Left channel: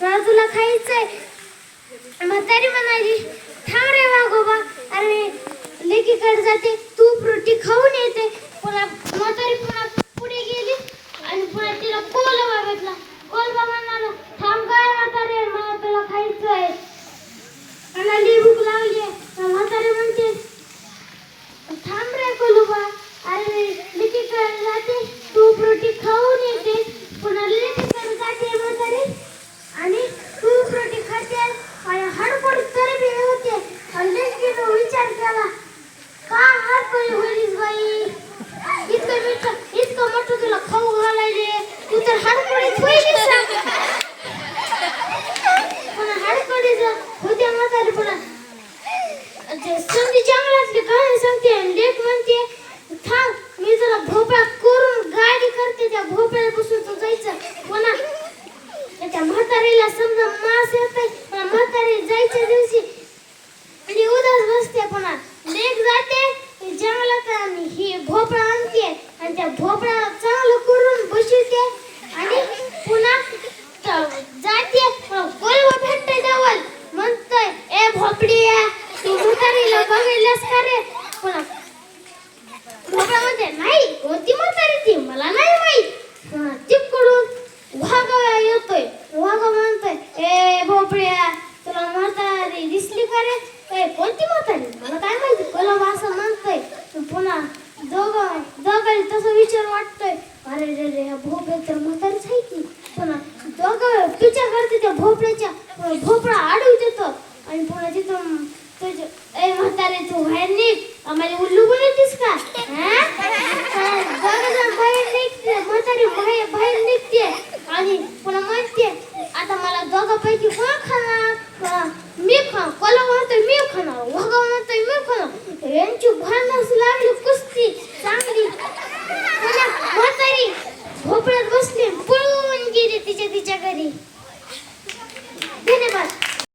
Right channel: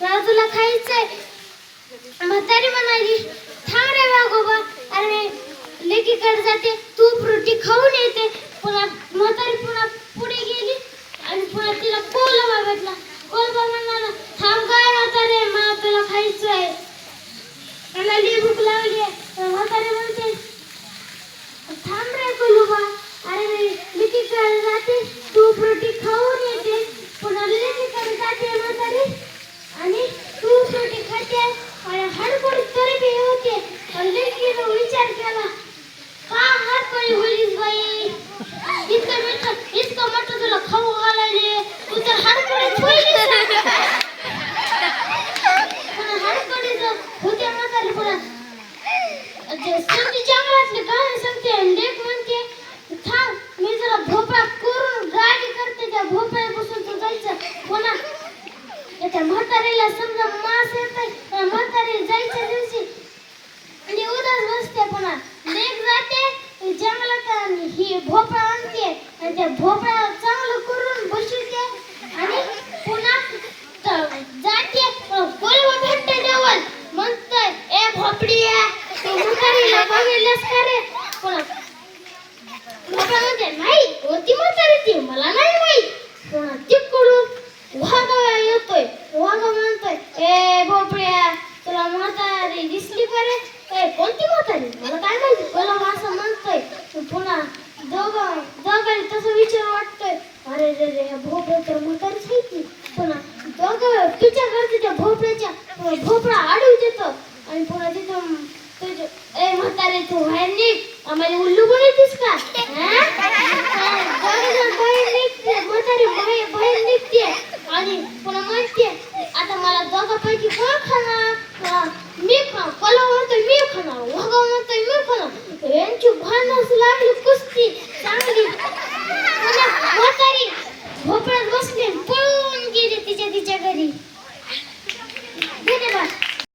मला तुला खायचंय म्हातारी म्हणाली थांब रे वाघोबा अरे लेकीकडे जाते तूप रोटी खाऊन येते. पुन्हा म्हातारी पुन्हा पुढे गेली आणि पुन्हा तिला कोलबा भेटला कोलबा म्हणाला थांब काय म्हातारे मला तुला खायचंय म्हणाली भूक लावली म्हातारी म्हणते थांब रे कोलबा अरे लेकीकडे जाते भोपळा आणते आणि त्या भोपळा चांगलं करून बसवते आणि पुन्हा जाते. बोलव भेटते देवल म्हणतोय ए भोपड्या तू म्हातारीला बघितलंस का रे. पुन्हा भोपळा म्हणते नाही कोणती म्हातारी ती? मला नाही माहीत. पुन्हा तिकडून वाघ येतोय. वाघ म्हणतोय ए भोपळ्या तुला म्हातारी दिसली का रे? ए कोणती म्हातारी? मला काय माहिती? कोलम असं दोघं दोघांनी तसं विचार वाटतोय. अरे रे रे ह्या भोपळ्या तर म्हातारीच आहे की. पुन्हा दोघं पिच्या करते त्या भोपळ्याच्या भोपळा आडवी देतो. आणि पुन्हा तिथं तुझं ए म्हातारे तू बाहेर निघ. आम्हाला उल्लू पण का? हा? बाहेर निघते म्हातारी बाहेर बाहेर निघते आणि पुन्हा म्हणते आता मला दोघापैकी कोण खाणार? मी खा कोला म्हणतोय मी खाणार वाघा म्हणतोय मी खाणार.